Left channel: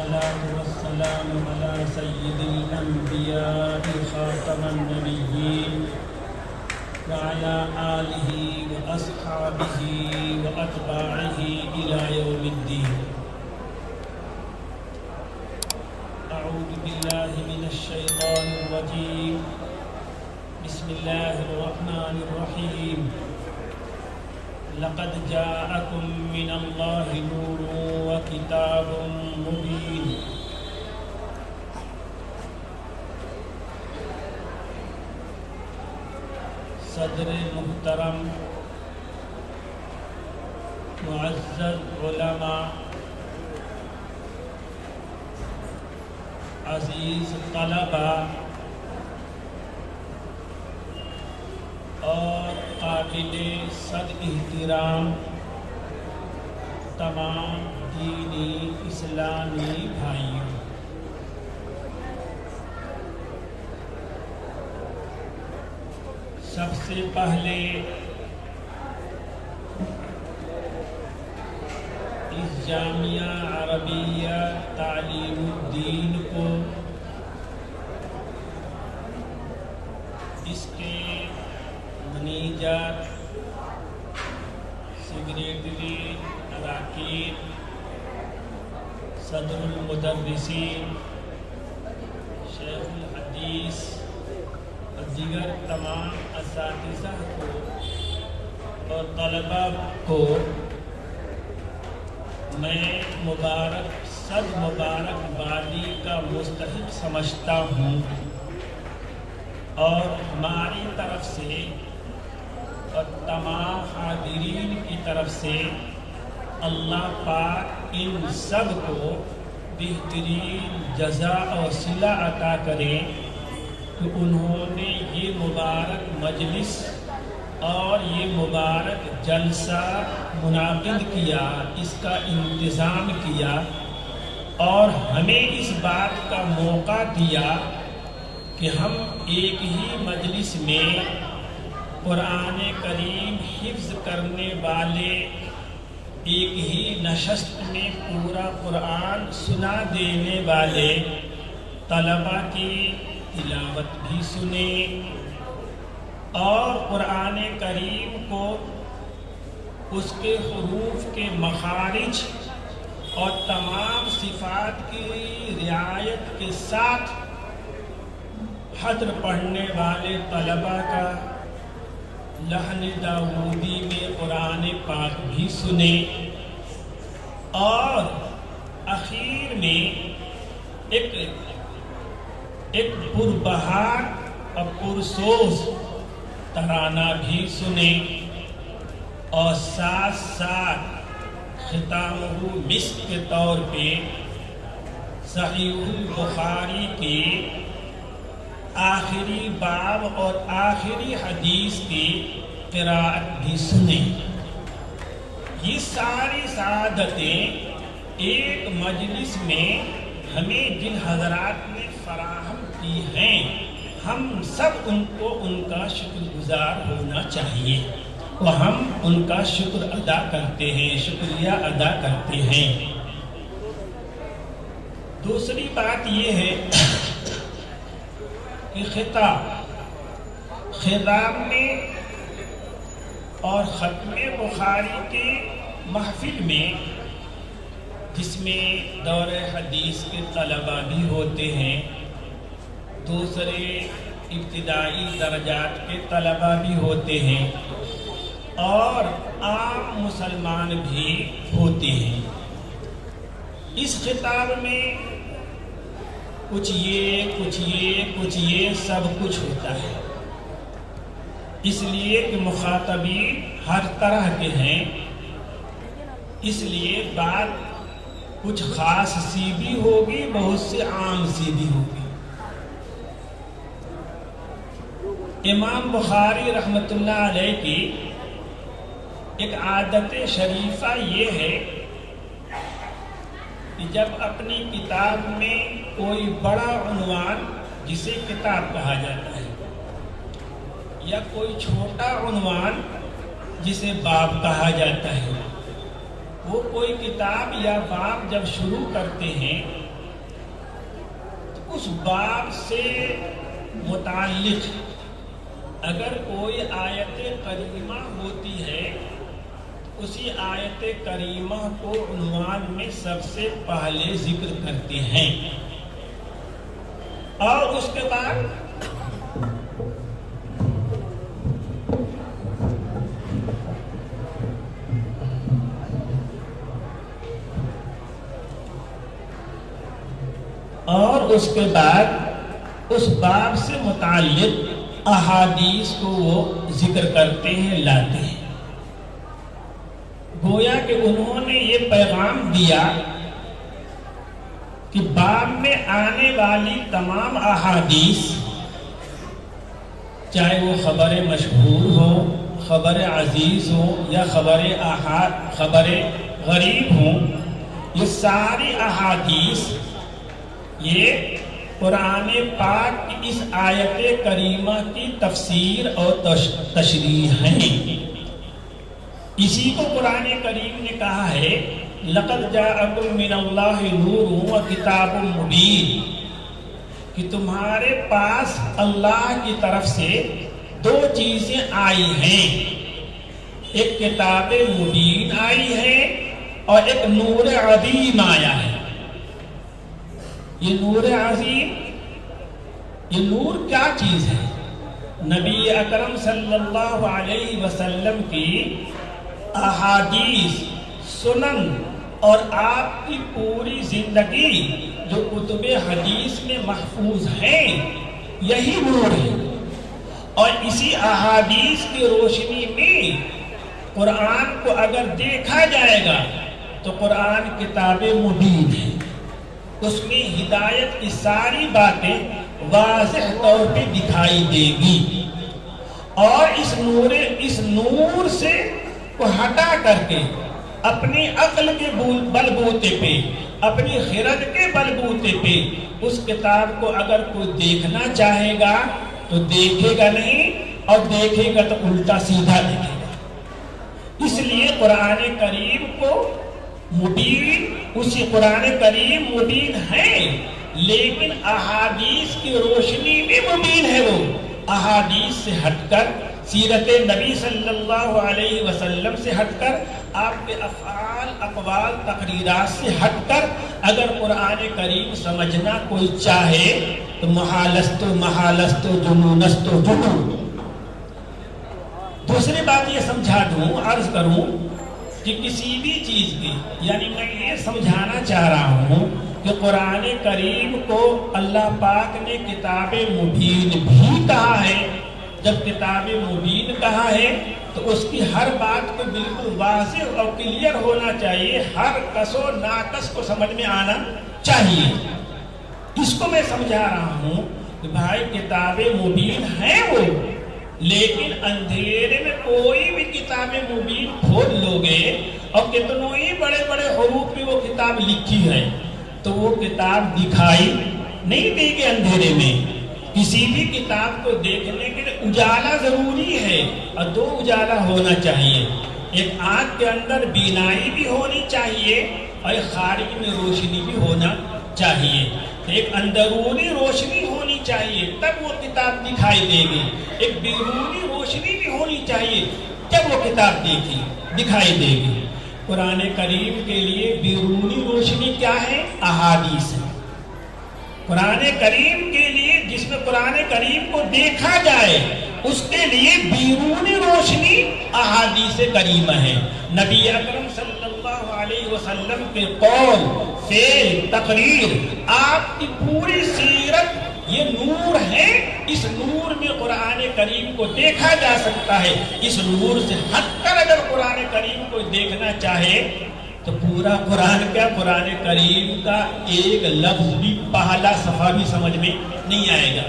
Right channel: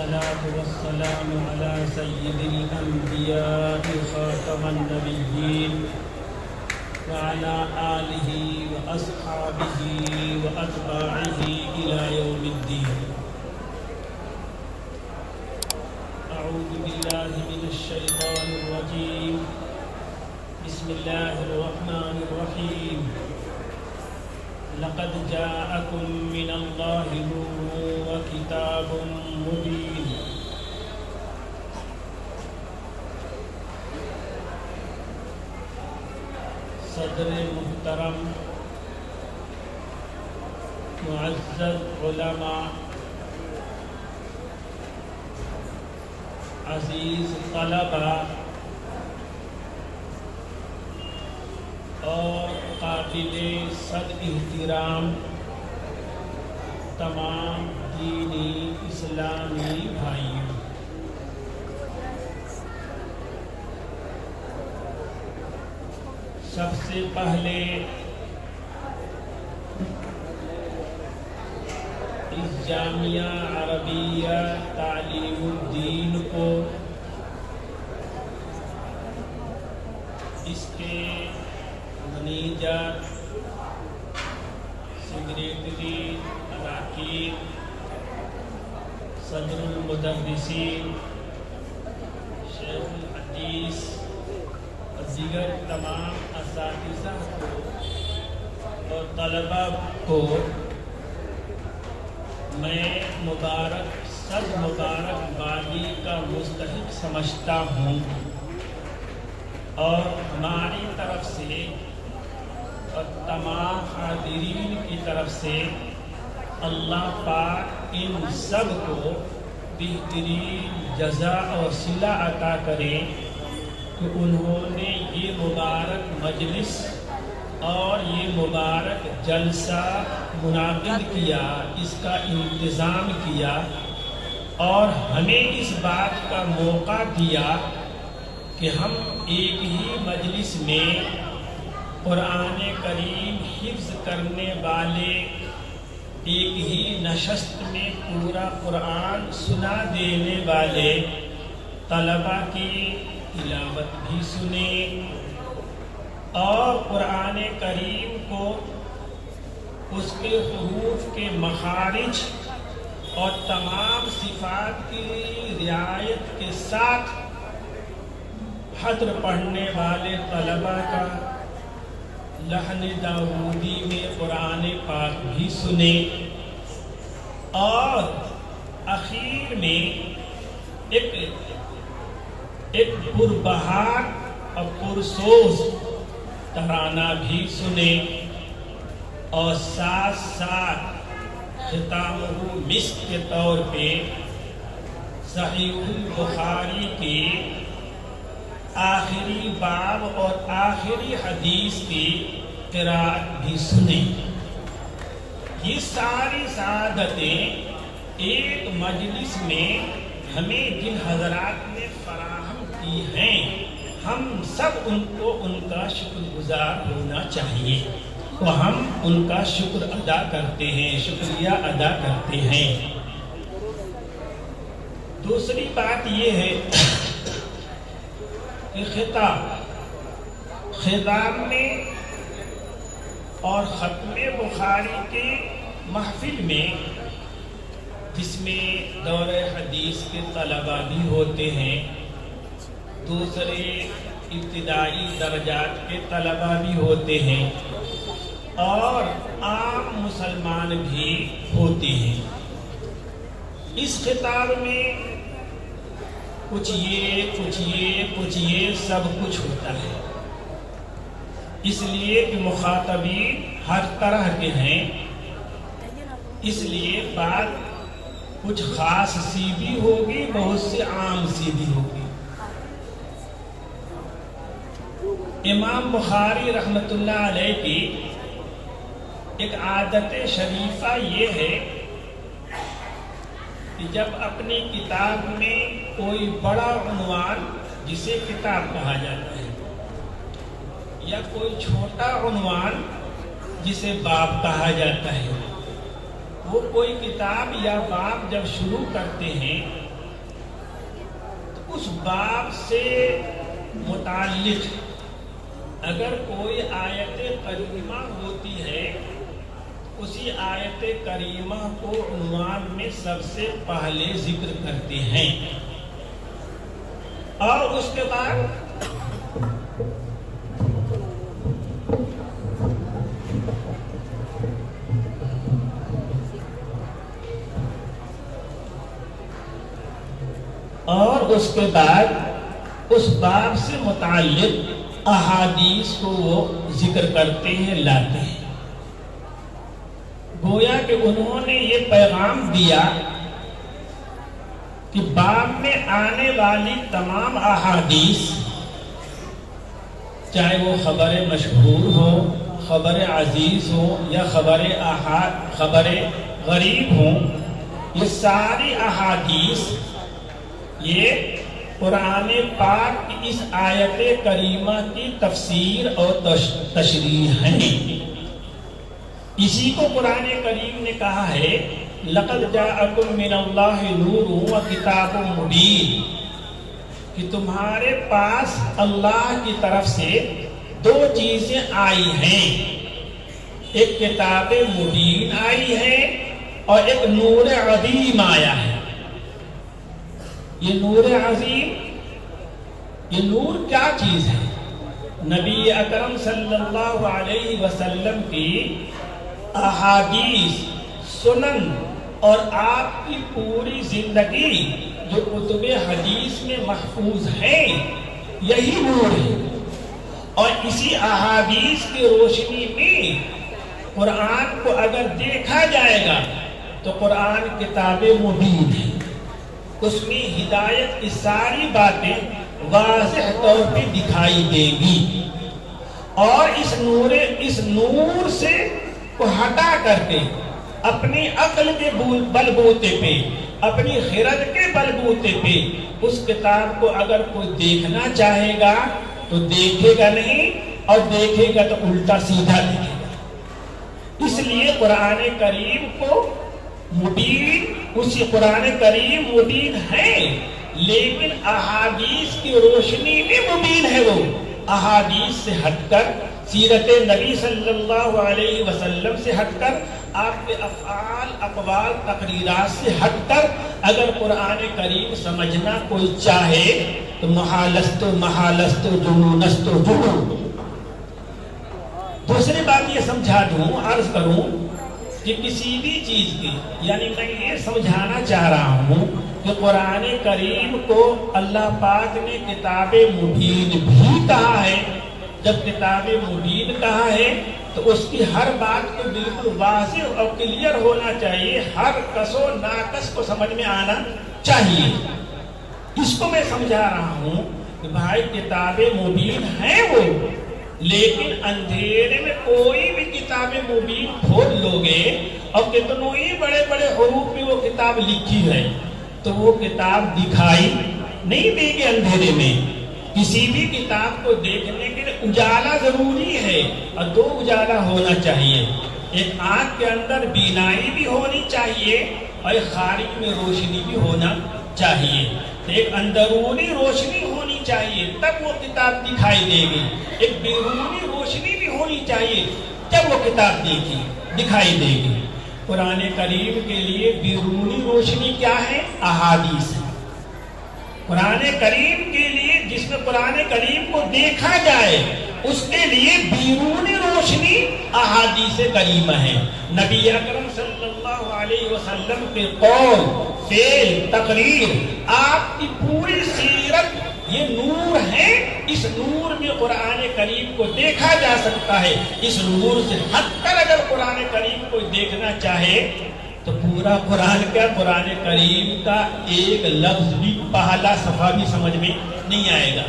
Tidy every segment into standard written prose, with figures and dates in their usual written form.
والصلاة والسلام على سيد الأنبياء خاتم النبيين وعلى آله وأصحابه وأتباعه إلى يوم الدين. أعوذ بالله من الشيطان الرجيم. بسم الله الرحمن الرحيم. لقد جاءكم من الله نور وكتاب مبين. صدر محترم، معزز علماء، عزیز طلباء اور قابل صد احترام تمام دینی اسلامی بھائیوں، سب سے پہلے اس جامعہ عربیہ تعلیم الدین کو اس کے منیجر، سیکریٹری، اراکین، صدر المدرسین، شیخ الحدیث اور دیگر تمام اساتذہ کو اور طلباء کو میں صد مبارکبادی کا مستحق سمجھتا ہوں، اور ہماری طرف سے اور تمام حاضرین کی طرف سے اللہ پاک ان سب کو بہترین جزا اور صلہ عطا کرے کہ انہوں نے یہ مبارک مجلس اور یہ مبارک جلسہ منعقد کیا، اس کا انتظام کیا اور ہمیں اس بات کا موقع دیا کہ ہم ایک ہی مجلس میں قرآن کریم حفظ کرنے والے، ایک ہی نشست میں پورا قرآن سنا دینے والے طلباء کی تلاوت بھی سنیں اور قرآن کریم کو اس کے حروف کے مخارج اور تمام صفات کی رعایت کے ساتھ حضر پڑھنے والے طلباء کا لحن داؤدی میں قرآن پاک بھی سنیں، اور اخیر میں ایک پربہار اور پرسوز ترانہ بھی سنیں، اور ساتھ ساتھ ختامہ مسک کے طور پہ صحیح البخاری کے آخری باب اور آخری حدیث کی قرأت بھی سنیں۔ یہ ساری سعادتیں ایک مجلس میں ہمیں جن حضرات نے فراہم کی ہیں، ہم سب ان کو ان کا شکر گزار ہونا چاہیے، تو ہم ان کا شکر ادا کرتے ہیں، شکریہ ادا کرتے ہیں۔ دوسری بات یہ ہے کہ خطاب میں اور ختم بخاری کے محفل میں، جس میں دور حدیث کے طلباء بھی ہوتے ہیں، دوسرے ابتدائی درجات کے طلباء بھی ہوتے ہیں اور عام مسلمان بھی ہوتے ہیں، اس خطاب میں کچھ یہ سب کچھ ہوتا ہے، اس لیے کہ مخاطبین ہر طرح کے ہیں، اس لیے بات کچھ خاص سی بھی ہوگی، بہت سے عام سی بھی ہوگی۔ امام بخاری رحمۃ اللہ علیہ کی ایک عادت شریفہ یہ ہے کہ جب اپنی کتاب میں کوئی بڑا عنوان، جسے کتاب کہا جاتا ہے، یا کوئی چھوٹا عنوان جسے باب کہا جاتا ہے، وہ کوئی کتاب یا باب جب شروع کرتے ہیں اس باب سے متعلق اگر کوئی آیت کریمہ ہوتی ہے، اسی آیت کریمہ کو عنوان میں سب سے پہلے ذکر کرتے ہیں، اور اس کے بعد اس باب سے متعلق احادیث کو وہ ذکر کرتے ہیں، لاتے ہیں۔ گویا کہ انہوں نے یہ پیغام دیا کہ باب میں آنے والی تمام احادیث، چاہے وہ خبر مشہور ہو، خبر عزیز ہو یا خبر احاد، خبر غریب ہو، یہ ساری احادیث یہ قرآن پاک کی اس آیت کریمہ کی تفسیر اور تشریح ہیں۔ اسی کو قرآن کریم نے کہا ہے لَقَدْ جَاءَكُم مِّنَ اللَّهِ نُورٌ وَكِتَابٌ مُبِينٌ، کہ تمہارے پاس اللہ کی طرف سے دو چیزیں آئی ہیں، ایک کتاب مبین آئی ہے اور ایک نور عظیم آیا ہے۔ یہ نور عظیم، یہ نور کیا چیز ہے؟ نبی اکرم صلی اللہ علیہ وسلم کی احادیث، سنن اور آپ کی پوری زندگی جو کتب حدیث میں محفوظ ہیں، یہی نور ہے۔ اور اسی احادیث کی روشنی میں قرآن کو اگر دیکھا جائے گا تو قرآن کتاب مبین ہے، اس میں ہدایت کی ساری باتیں واضح طور پہ دکھائی دیں گی، اور اس نور سے کو ہٹا کر کے اپنی عقل کے بل بوتے پہ، اپنی خرد کے بل بوتے پہ اس کتاب کو اگر کوئی دیکھنا چاہے گا تو دیکھے گا نہیں، اور دیکھے گا تو الٹا سیدھا دیکھے گا۔ اس لیے قرآن کریم کو مبین، اسی قرآن کریم مبین ہے، لیکن احادیث کی روشنی میں مبین ہے۔ وہ احادیث سے ہٹ کر، سیرت نبی صلی اللہ علیہ وسلم سے ہٹ کر، آپ کے افعال، اقوال، تقریرات سے ہٹ کر اگر قرآن کریم سمجھنا کوئی چاہے تو محالستو جنونستو جنون۔ دوسری بات یہ سمجھا دوں، عرض کروں کہ کسی بھی چیز کی، یعنی میں یہ سمجھانا چاہ رہا ہوں کہ قرآن کریم کو اللہ پاک نے کتاب مبین بھی کہا ہے۔ جب کتاب مبین کہا ہے تو اس کی ہر بات کو بالکل واضح اور کلیئر ہونا چاہیے، ہر کس و ناقص کو سمجھ میں آنا چاہیے۔ اس کو میں سمجھا رہا ہوں کہ بھائی کتاب مبین ہے وہ، لیکن اندھیرے میں کوئی بھی کتاب مبین کھول لو گے اور کتنوں ہی بڑے بڑے حروف میں وہ کتاب لکھی ہے تو وہ کتاب دکھائی نہیں دے گی اندھیرے میں۔ کسی بھی کتاب کو دیکھنے کے لیے اجالا ضروری ہے، اور دو اجالا ہونا چاہیے، ایک آنکھ کے اندر بینائی بھی ہونی چاہیے اور ایک خارج میں روشنی بھی ہونا چاہیے۔ ایک اندرونی روشنی ہونی چاہیے تب وہ کتاب دکھائی دے گی، ایک بیرونی روشنی بھی ہونی چاہیے جب وہ کتاب دکھائی دے گی۔ قرآن کریم کے لیے بیرونی روشنی کیا ہے؟ احادیث ہے۔ قرآن کریم کے لیے جس میں قرآن کریم کو دیکھا جائے اس کے لیے بیرونی روشنی احادیث کریمہ ہے۔ نبی اکرم صلی اللہ علیہ وسلم کے قول، فعل، تقریر، آپ کی پوری سیرت یہ نور ہے۔ اس نور میں قرآن کریم کو دیکھا جا سکتا ہے۔ اس نور سے ہٹ کر اگر قرآن کریم کو دیکھنا چاہے تو پورا قرآن کیا، قرآن کریم کا ایک لفظ بھی، پہلا صفحہ بھی سمجھ میں نہیں آئے گا۔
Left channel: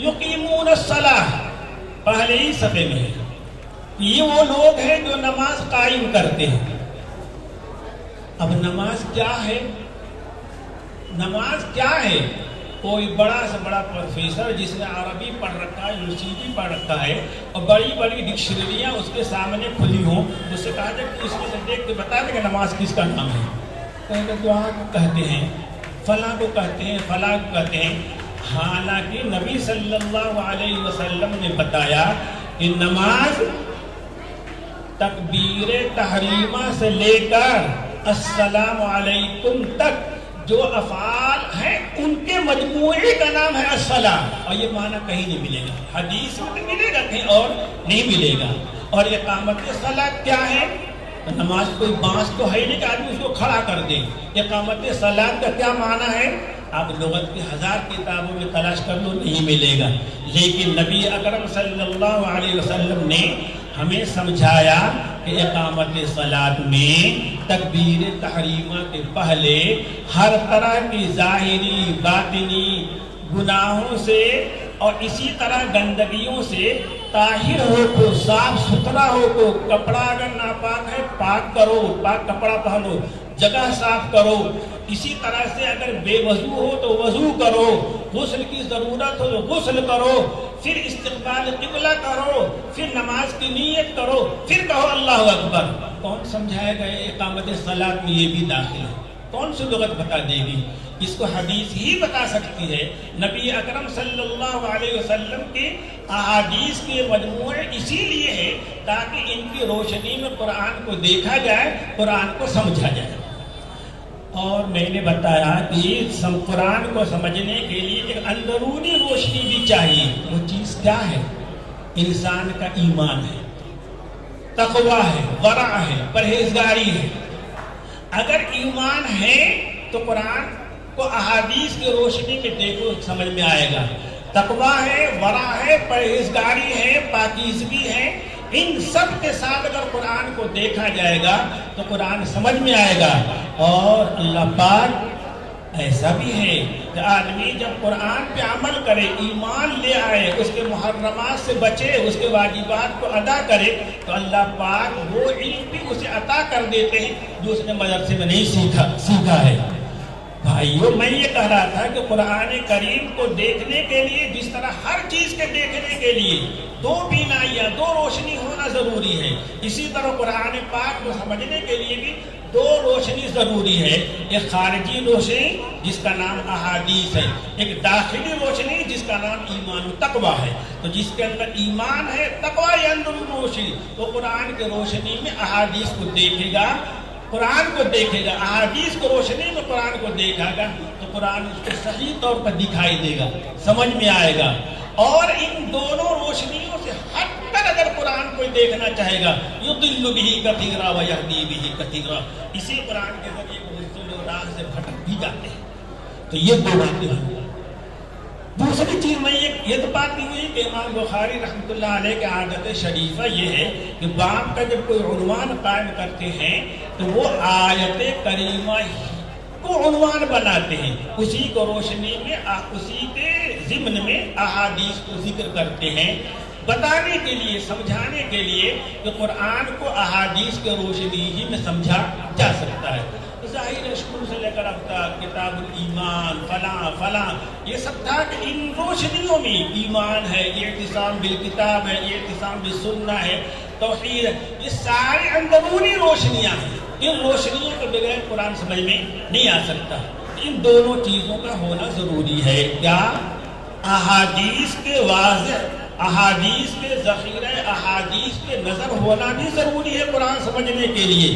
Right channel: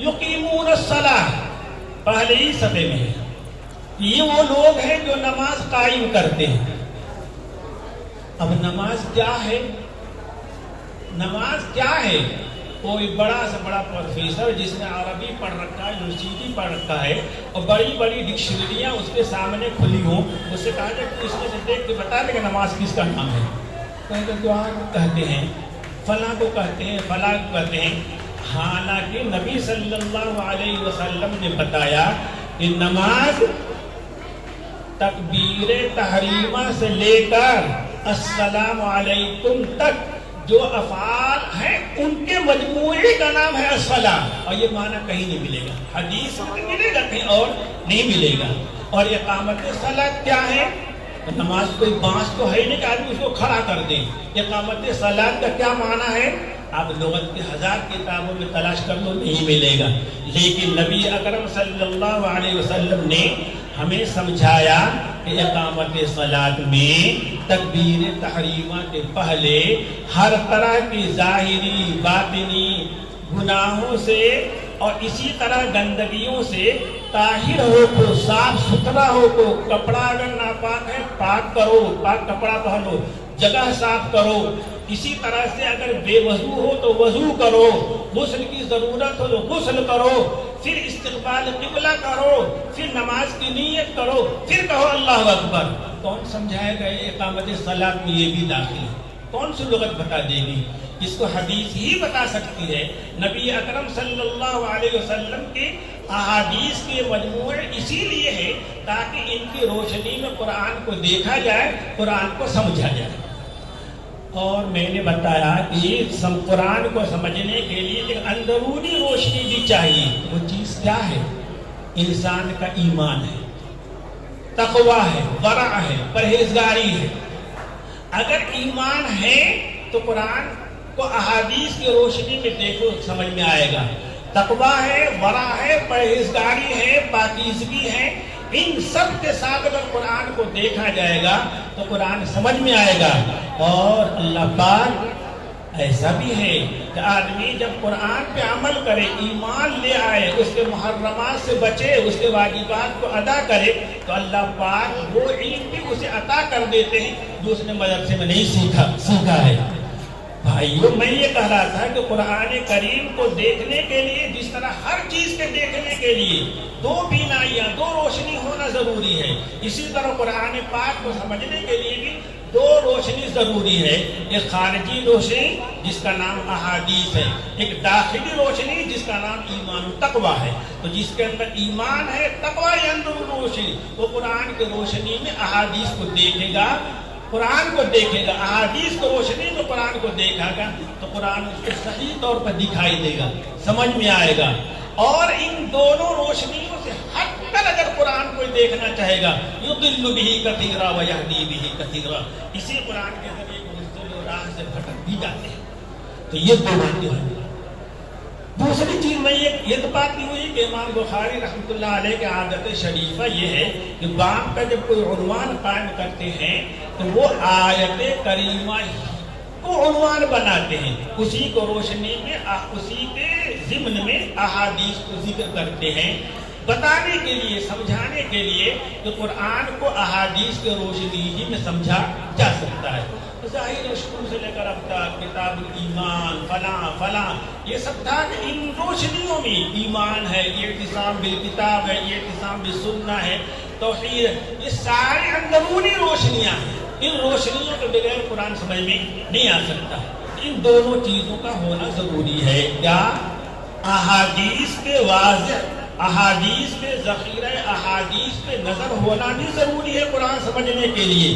یقیمون الصلاۃ پہلے ہی صفحے میں ہے، یہ وہ لوگ ہیں جو نماز قائم کرتے ہیں۔ اب نماز کیا ہے؟ نماز کیا ہے؟ کوئی بڑا سے بڑا پروفیسر جس نے عربی پڑھ رکھا ہے، یونیورسٹی پڑھ رکھا ہے اور بڑی بڑی ڈکشنریاں اس کے سامنے کھلی ہوں، اس سے کہا کہ اس میں سے دیکھ کے بتا دے کہ نماز کس کا نام ہے، تو دعا کہتے ہیں، فلاں کو کہتے ہیں، فلاں کو کہتے ہیں. حالانکہ نبی صلی اللہ علیہ وسلم نے بتایا کہ نماز تکبیر تحریمہ سے لے کر السلام علیکم تک جو افعال ہیں ان کے مجموعے کا نام ہے الصلاۃ. اور یہ معنی کہیں نہیں ملے گا، حدیث میں تو ملے گا، کہیں اور نہیں ملے گا. اور اقامت صلاۃ کیا ہے؟ نماز کوئی بانس تو ہے نہیں کہ آدمی اس کو کھڑا کر دے. اقامت صلاۃ کا کیا معنی ہے؟ آپ لغت کے 1000 کتابوں میں تلاش کر لو، نہیں ملے گا. لیکن نبی اکرم صلی اللہ علیہ وسلم نے ہمیں سمجھایا کہ اقامت صلاۃ میں تکبیر تحریمہ کے پہلے ہر طرح کی ظاہری باطنی گناہوں سے اور اسی طرح گندگیوں سے طاہر ہو کو، صاف ستھرا ہو کو، کپڑا اگر ناپاک ہے پاک کرو، پاک کپڑا پہنو، جگہ صاف کرو. اسی طرح سے اگر بے وضو ہو تو وضو کرو، غسل کی ضرورت ہو تو غسل کرو، پھر استقبال قبلہ کرو، پھر نماز کی نیت کرو، پھر کہو اللہ اکبر. کون سمجھائے گا اقامت صلاۃ میں یہ بھی داخل ہے؟ کون سی لغت بتا دے گی؟ اس کو حدیث ہی بتا سکتی ہے. نبی اکرم صلی اللہ علیہ وسلم کے احادیث کے مجموعے اسی لیے ہے تاکہ ان کی روشنی میں قرآن کو دیکھا جائے، قرآن کو سمجھا جائے. اور میں نے بتایا کہ قرآن کو سمجھنے کے لیے ایک اندرونی روشنی بھی چاہیے. وہ چیز کیا ہے؟ انسان کا ایمان ہے، تقویٰ ہے، ورع ہے، پرہیزگاری ہے. اگر ایمان ہے تو قرآن کو احادیث کی روشنی میں دیکھو، سمجھ میں آئے گا. تقویٰ ہے، ورع ہے، پرہیزگاری ہے، پاکیزگی ہے، ان سب کے ساتھ اگر قرآن کو دیکھا جائے گا تو قرآن سمجھ میں آئے گا. اور اللہ پاک ایسا بھی ہے کہ آدمی جب قرآن پہ عمل کرے، ایمان لے آئے، اس کے محرمات سے بچے، اس کے واجبات کو ادا کرے، تو اللہ پاک وہ علم بھی اسے عطا کر دیتے ہیں جو اس نے مدرسے میں نہیں سیکھا ہے. بھائیو، میں یہ کہہ رہا تھا کہ قرآن کریم کو دیکھنے کے لیے جس طرح ہر چیز کے دیکھنے کے لیے دو بینائیاں، دو روشنی ہونا ضروری ہے، اسی طرح قرآن پاک کو سمجھنے کے لیے بھی دو روشنی ضروری ہے. ایک خارجی روشنی جس کا نام احادیث ہے، ایک داخلی روشنی جس کا نام ایمان و تقویٰ ہے. تو جس کے اندر ایمان ہے، تقویٰ ہے، اندرونی روشنی، وہ قرآن کی روشنی میں احادیث کو دیکھے گا، قرآن کو دیکھے گا. احادیث کی روشنی میں قرآن کو دیکھا گا تو قرآن اس کو صحیح طور پر دکھائی دے گا، سمجھ میں آئے گا. اور ان دونوں روشنیوں سے ہٹ کر اگر قرآن کوئی دیکھنا چاہے گا، یضل بہ کثیرا ویہدی بہ کثیرا، اسی قرآن کے ذریعے کو راہ سے بھٹک بھی جاتے ہیں. تو یہ دو باتیں ہیں. دوسری چیز میں یہ تو بات نہیں ہوئی کہ امام بخاری رحمۃ اللہ علیہ کی عادت شریفہ یہ ہے کہ باب کا جب کوئی عنوان قائم کرتے ہیں تو وہ آیت کریمہ کو عنوان بناتے ہیں، اسی کو روشنی میں، اسی کے ضمن میں احادیث کو ذکر کرتے ہیں، بتانے کے لیے، سمجھانے کے لیے کہ قرآن کو احادیث کے روشنی ہی میں سمجھا جا سکتا ہے. ظاہر شروع سے لے کر اب تک کتاب ایمان فلاں فلاں یہ سب تھا کہ ان روشنیوں میں ایمان ہے، یہ اعتصام بالکتاب ہے، یہ اعتصام بالسنہ ہے، توحید ہے، یہ سارے اندرونی روشنیاں ہیں. ان روشنیوں کے بغیر قرآن سمجھ میں نہیں آ سکتا. ان دونوں چیزوں کا ہونا ضروری ہے. کیا؟ احادیث کے واضح، احادیث کے ذخیرہ، احادیث کے نظر ہونا بھی ضروری ہے قرآن سمجھنے کے لیے،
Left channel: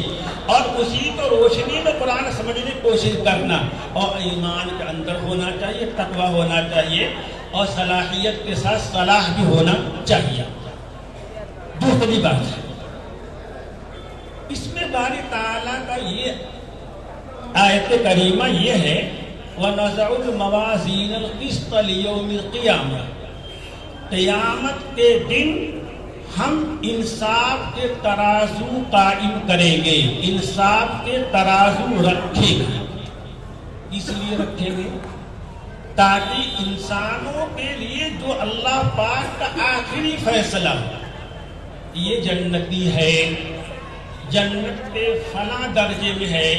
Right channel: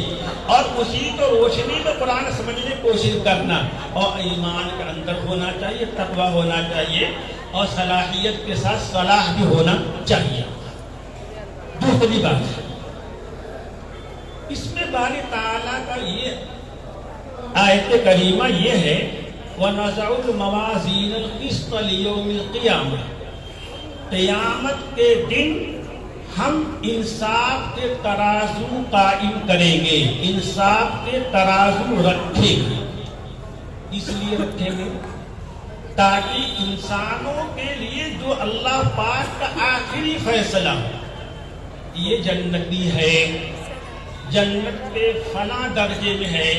اور اسی کو روشنی میں قرآن سمجھنے کی کوشش کرنا. اور ایمان کے اندر ہونا چاہیے، تقویٰ ہونا چاہیے، اور صلاحیت کے ساتھ صلاح بھی ہونا چاہیے. دوسری بات ہے اس میں باری تعالیٰ کا یہ آیت کریمہ یہ ہے وَنَضَعُ الْمَوَازِينَ الْقِسْطَ لِيَوْمِ الْقِيَامَةِ، قیامت کے دن ہم انصاف کے ترازو قائم کریں گے، انصاف کے ترازو رکھیں گے. اس لیے رکھیں گے تاکہ انسانوں کے لیے جو اللہ پاک کا آخری فیصلہ ہو، یہ جنتی ہے، جنت کے فلاں درجے میں ہے،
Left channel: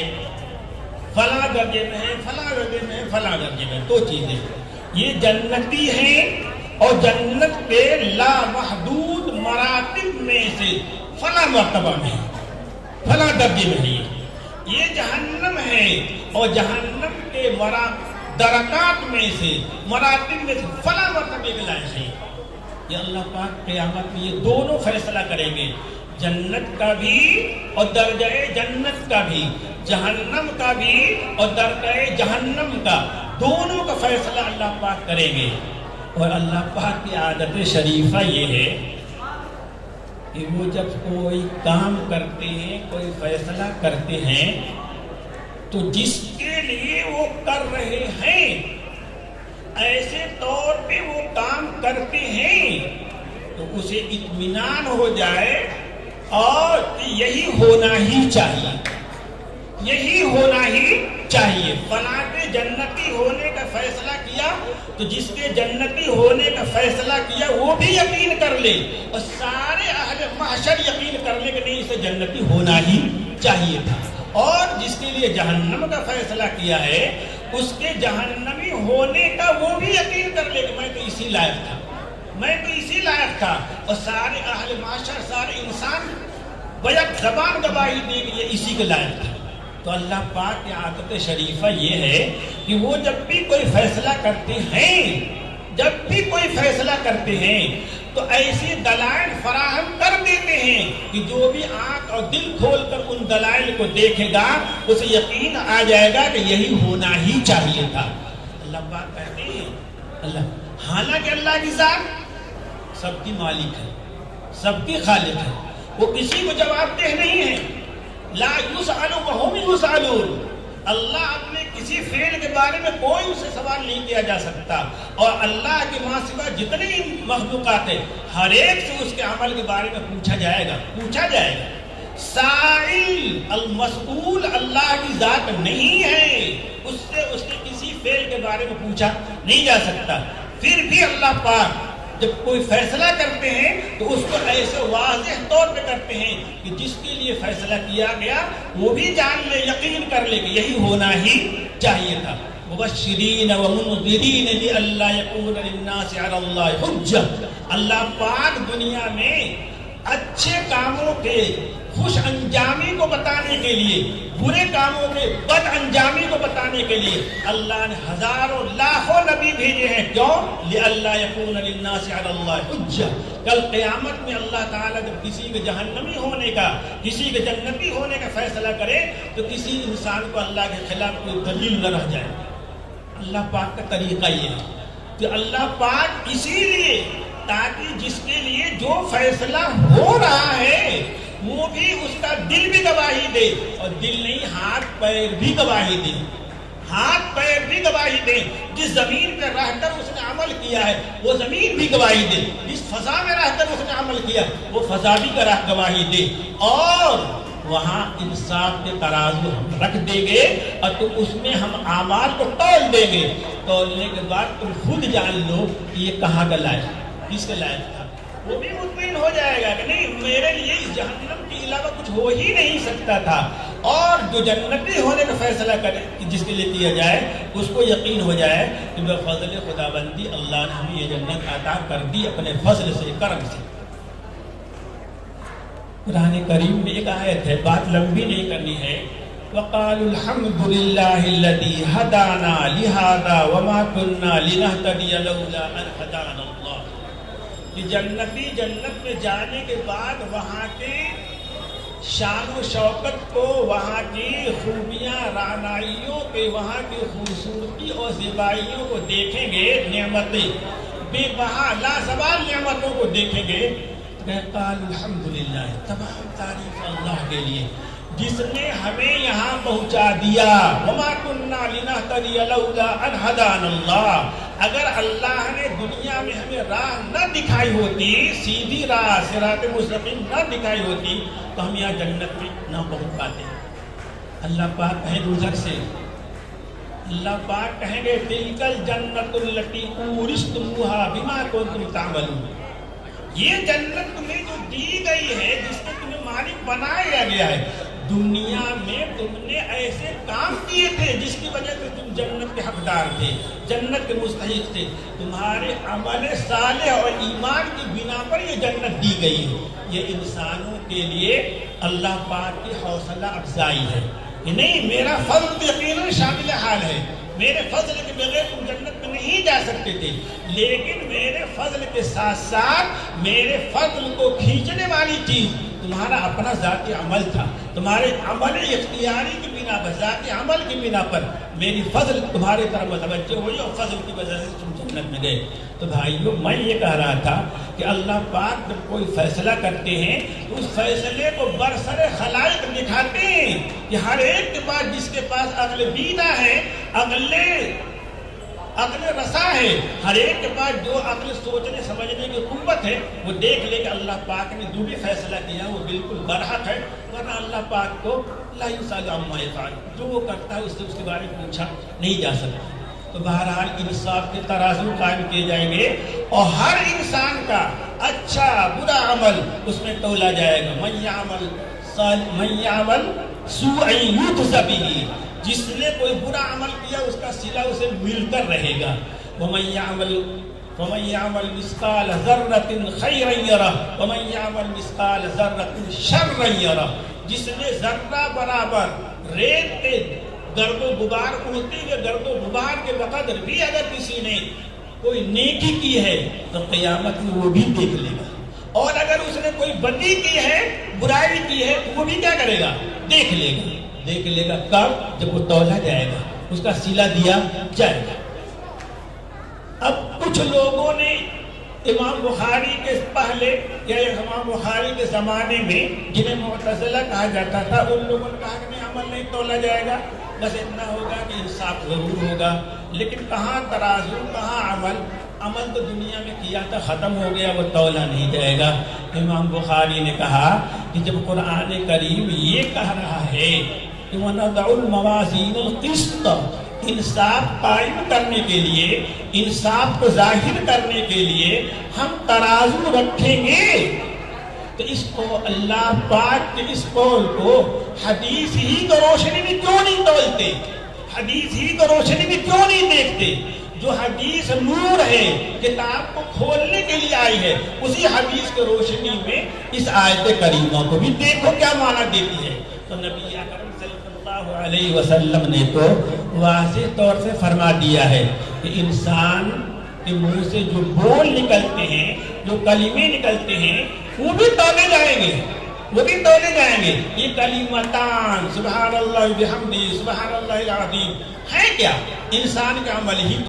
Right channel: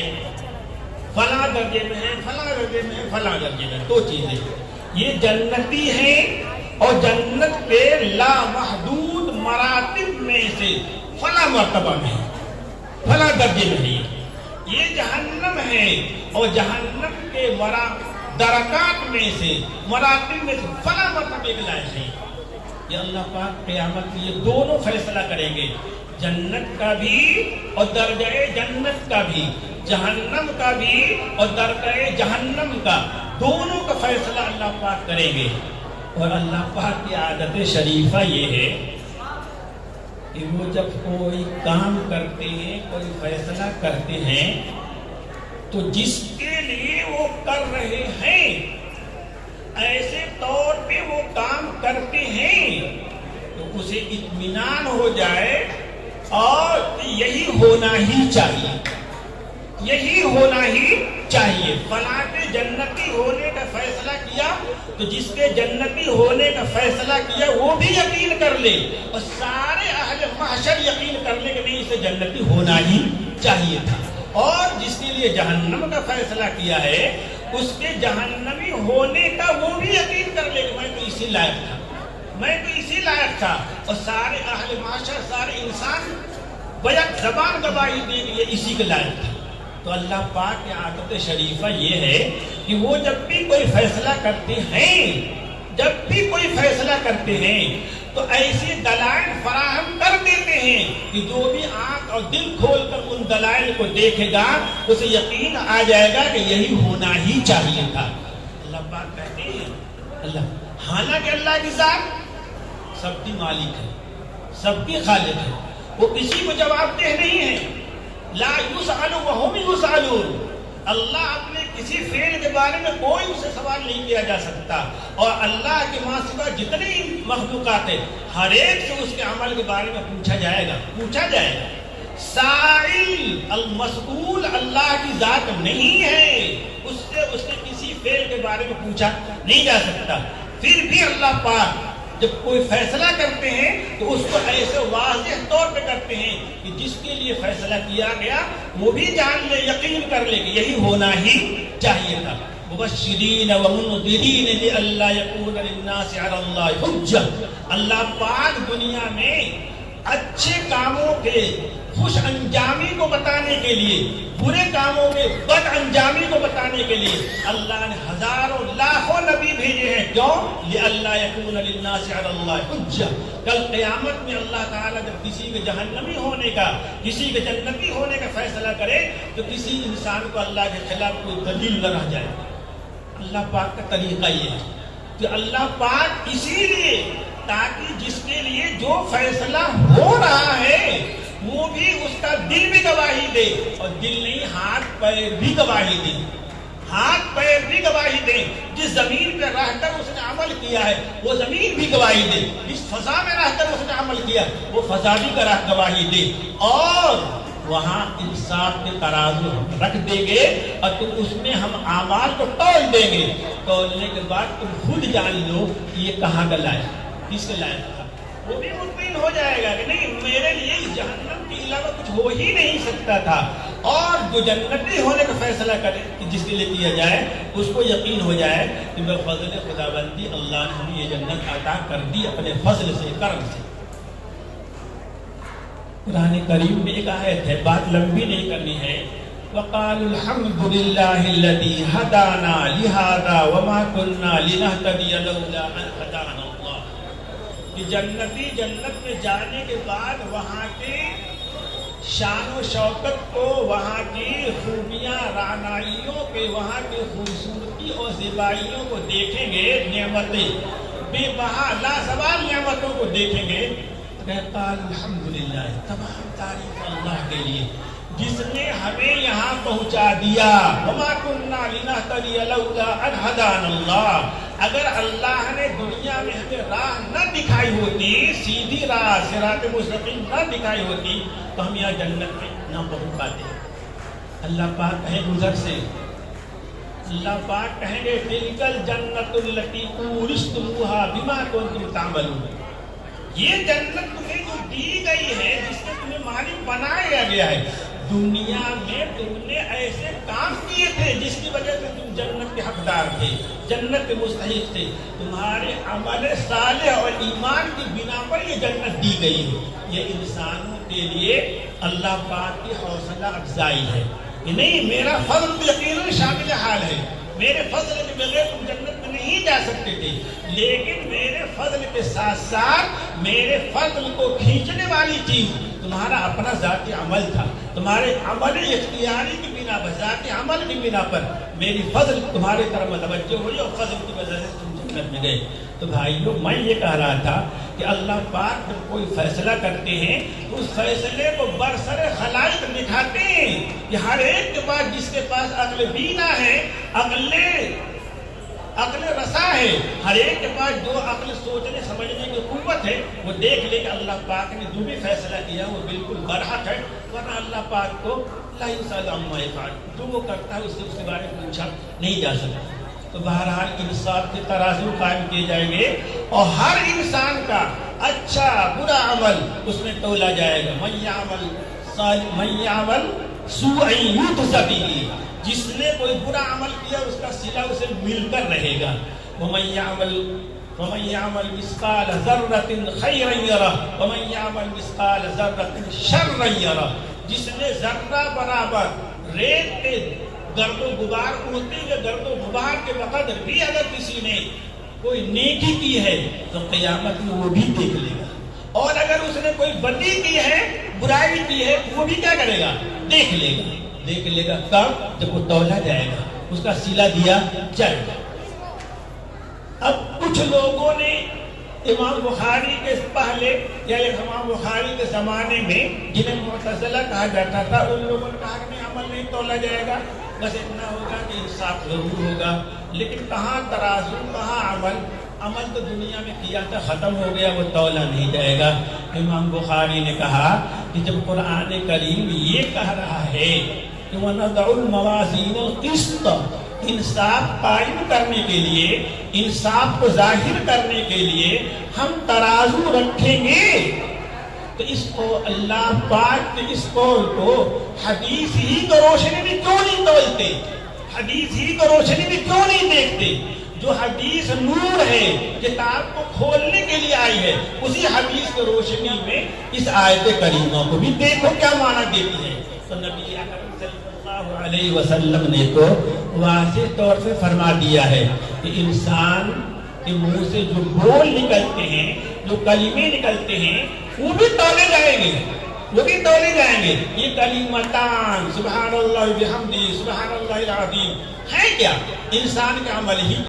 فلاں درجے میں ہے، فلاں درجے میں ہے، فلاں درجے میں. دو چیزیں، یہ جنتی ہے اور جنت کے لامحدود مراتب میں سے فلاں مرتبہ میں ہے، فلاں درجے میں ہے. یہ جہنم ہے اور جہنم کے مراتب درکات میں سے، مراتب میں سے فلاں مرتبے کے لائق ہے. یہ اللہ پاک قیامت میں یہ دونوں فیصلہ کریں گے، جنت کا بھی اور درجہ جنت کا بھی، جہنم کا بھی اور درجہ جہنم کا، دونوں کا فیصلہ اللہ پاک کریں گے. اور اللہ پاک کی عادت شریفہ یہ ہے کہ وہ جب کوئی کام کرتے ہیں، کوئی فیصلہ کرتے ہیں، تو جس کے لیے وہ کر رہے ہیں ایسے طور پہ وہ کام کرتے ہیں تو اسے اطمینان ہو جائے اور یہی ہونا ہی چاہیے، یہی ہونا ہی چاہیے. فلاں نے جنتی ہونے کا فیصلہ کیا تو جس کے جنتی ہونے کا فیصلہ کیا وہ بھی یقین کر لے اور سارے اہل محشر یقین کر لے کہ نہیں اسے جنتی ہونا ہی چاہیے تھا. اور جس کے لیے جہنم کا فیصلہ کیا ہے اس کے جہنمی ہونے کا وہ بھی یقین کر لے کہ میں تو اسی لائق تھا، میں تو اسی لائق تھا. اور سارے اہل معاشر، سارے انسان بیک زبان گواہی دیں گے یہ اسی کے لائق تھا. تو اللہ پاک کی عادت شریفہ یہ ہے کہ وہ جب بھی کوئی فیصلہ کرتے ہیں، جب بھی کوئی فیصلہ کرتے ہیں تو ایسی دلائل فراہم کر دیتے ہیں کہ جو بھی آنکھ اور دل کھول کر ان دلائل کو دیکھے گا اسے یقین آ جائے گا کہ یہی ہونا ہی چاہیے تھا. اللہ پاک کہتے ہیں اللہ، حالانکہ اللہ کی ذات سب کی مالک ہے، سب کی خالق ہے، وہ کسی کو جواب دہ نہیں ہے. لا یسأل وهم یسألون. اللہ اپنے کسی فعل کے بارے میں کوئی اسے سوال نہیں کیا جا سکتا، اور اللہ کے ماں سوا جتنی مخلوقات ہیں ہر ایک سے اس کے عمل کے بارے میں پوچھا جائے گا، پوچھا جائے گا. سائل المسئول اللہ کی ذات نہیں ہے، اس سے کسی فعل کے بارے میں پوچھا نہیں جا سکتا. پھر بھی اللہ پاک جب کوئی فیصلہ کرتے ہیں تو اس کو ایسے واضح طور پہ کرتے ہیں کہ جس کے لیے فیصلہ کیا گیا وہ بھی جان لے، یقین کر لے کہ یہی ہونا ہی چاہیے تھا. مبشرین و منذرین لئلا یکون للناس علی اللہ حجہ. اللہ پاک دنیا میں اچھے کاموں کے خوش انجامی کو بتانے کے لیے، برے کاموں کے بد انجامی کو بتانے کے لیے اللہ نے ہزاروں لاکھوں نبی بھیجے ہیں. کیوں؟ لئلا یکون للناس علی اللہ حجہ. کل قیامت میں اللہ تعالیٰ جب کسی کے جہنمی ہونے کا، کسی کے جنتی ہونے کا فیصلہ کرے تو کسی انسان کو اللہ کے خلاف کوئی دلیل نہ رہ جائے. اللہ پاک کا طریقہ یہ ہے کہ اللہ پاک اسی لیے تاکہ جس کے لیے جو فیصلہ ہو رہا ہے وہ بھی اس کا دل بھی گواہی دے، اور دل نہیں ہاتھ پیر بھی گواہی دے، ہاتھ پیر بھی گواہی دے. جس زمین پہ رہ کر اس نے عمل کیا ہے وہ زمین بھی گواہی دے، جس فضا میں رہ کر اس نے عمل کیا وہ فضا بھی گواہی دے. اور وہاں انصاف کے ترازو رکھ دیں گے اور تم اس میں ہم اعمال کو تول دیں گے. تولنے کے بعد تم خود جان لو کہ یہ کہاں کا لائق، کس کے لائق تھا. وہ بھی مطمئن ہو جائے گا کہ نہیں میرے لیے اس جہنم کے علاوہ کچھ ہو ہی نہیں سکتا تھا. اور جو جنتی ہونے کا فیصلہ کرے جس کے لیے کیا جائے اس کو یقین ہو جائے کہ بفضل خداوندی اللہ نے ہمیں یہ جنت عطا کر دی اپنے فضل سے، کرم سے. قرآن کریم میں ایک آیت ہے، بات لمبی نہیں کرنی ہے. وقالوا الحمد لله الذي هدانا لهذا وما كنا لنهتدي لولا ان هدانا الله. کہ جنتی جنت میں جانے کے بعد وہاں کے شان و شوکت کو، وہاں کی خوبیاں، رعنائیوں کے، وہاں کی خوبصورتی اور زیبائیوں کو دیکھیں گے، نعمتیں بے بہا لازوال نعمتوں کو دیکھیں گے. کہتا الحمدللہ، تمام تعریف اللہ کے لیے جس نے ہمیں یہاں پہنچا دیا. وما كنا لنهتدي لولا ان هدانا الله. اگر اللہ نے دنیا میں ہمیں راہ نہ دکھائی ہوتی، سیدھی راہ صراط مستقیم نہ دکھائی ہوتی تو ہم یہاں جنت میں نہ پہنچ پاتے. اللہ پاک کہیں گزر سے، اللہ پاک کہیں گے تلک الجنت التي اورثتموها بما كنتم تعملون. یہ جنت تمہیں جو دی گئی ہے، جس میں تمہیں مالک بنایا گیا ہے، دنیا میں تم نے ایسے کام کیے تھے جس کی وجہ سے تم جنت کے حقدار تھے، جنت کے مستحق تھے. تمہارے عمل صالح اور ایمان کی بنا پر یہ جنت دی گئی ہے. یہ انسانوں کے لیے اللہ پاک کی حوصلہ افزائی ہے کہ نہیں، میرا فضل یقیناً شامل حال ہے. میرے فضل کے بغیر تم جنت میں نہیں جا سکتے تھے، لیکن میرے فضل کے ساتھ ساتھ میرے فضل کو کھینچنے والی چیز تمہارا اپنا ذاتی عمل تھا، تمہارے عمل اختیاری کی بنا پر، ذاتی عمل کی بنا پر میری فضل تمہاری طرف متوجہ ہوئی اور فضل کی وجہ سے تم جنت میں گئے۔ تو بھائیو، میں یہ کہہ رہا تھا کہ اللہ پاک جب کوئی فیصلہ کرتے ہیں اس فیصلے کو برسر خلائق دکھاتے ہیں کہ ہر ایک کے پاس، جس کے پاس عقل بینا ہے، عقل رسا ہے، ہر ایک کے پاس جو عقل سوچنے سمجھنے کی قوت ہے، وہ دیکھ لے کہ اللہ پاک نے جو بھی فیصلہ کیا وہ بالکل برحق ہے، ورنہ اللہ پاک کو لا یسأل عما یفعل، جو وہ کرتا ہے اس کے بارے میں پوچھا نہیں جا سکتا۔ تو بہرحال انصاف کے ترازو قائم کیے جائیں گے اور ہر انسان کا اچھا برا عمل اس میں تولا جائے گا۔ من یعمل سوءا یجز بہ، جس نے کوئی برا عمل کیا اس کا صلہ اسے مل کر رہے گا۔ ومن یعمل مثقال ذرۃ خیرا یرہ ومن یعمل مثقال ذرۃ شرا یرہ، جس نے ذرہ برابر ریت کے گرد و غبار اڑتے ہوئے گرد و غبار کے بقدر بھی اگر کسی نے کوئی نیکی کی ہے تو قیامت میں وہ بھی دیکھ لے گا، اور اگر اس نے کوئی بدی کی ہے، برائی کی ہے، وہ بھی کیا کرے گا؟ دیکھ لے گا۔ کب؟ جب وہ تولا جائے گا، اس کا صلہ دیا جائے گا۔ اب کچھ لوگوں نے امام بخاری کے پہلے یا امام بخاری کے زمانے میں جنہیں معتزلہ کہا جاتا تھا، ان لوگوں نے کہا کہ نہیں، عمل نہیں تولا جائے گا، بس اتنا ہوگا کہ انصاف ضرور ہوگا۔ لیکن کہاں ترازو، کہاں عمل تو دنیا میں کیا تھا، ختم ہو گیا، وہ تولا نہیں جائے گا۔ امام بخاری نے کہا کہ جب قرآن کریم یہ کہہ رہا ہے کہ وَنَضَعُ الْمَوَازِينَ الْقِسْطَ، انصاف قائم کرنے کے لیے، انصاف کو ظاہر کرنے کے لیے ہم ترازو رکھیں گے، تو اس کو اللہ پاک کے اس قول کو حدیث ہی کی روشنی میں کیوں نہیں تولتے، حدیث ہی کی روشنی میں کیوں نہیں دیکھتے؟ جو حدیث نور ہے، کتاب کو کھولنے کے لیے آئی ہے، اسی حدیث کی روشنی میں اس آیت کریمہ کو بھی دیکھو کیا معنی دیتی ہے۔ تو نبی اکرم صلی اللہ علیہ وسلم نے تو واضح طور سے فرما دیا ہے کہ انسان کے منہ سے جو بول نکلتے ہیں، جو کلمے نکلتے ہیں، وہ بھی تولے جائیں گے، یہ کلمتان سبحان اللہ بحمدہ سبحان اللہ العظیم ہے کیا؟ انسان کا عمل ہی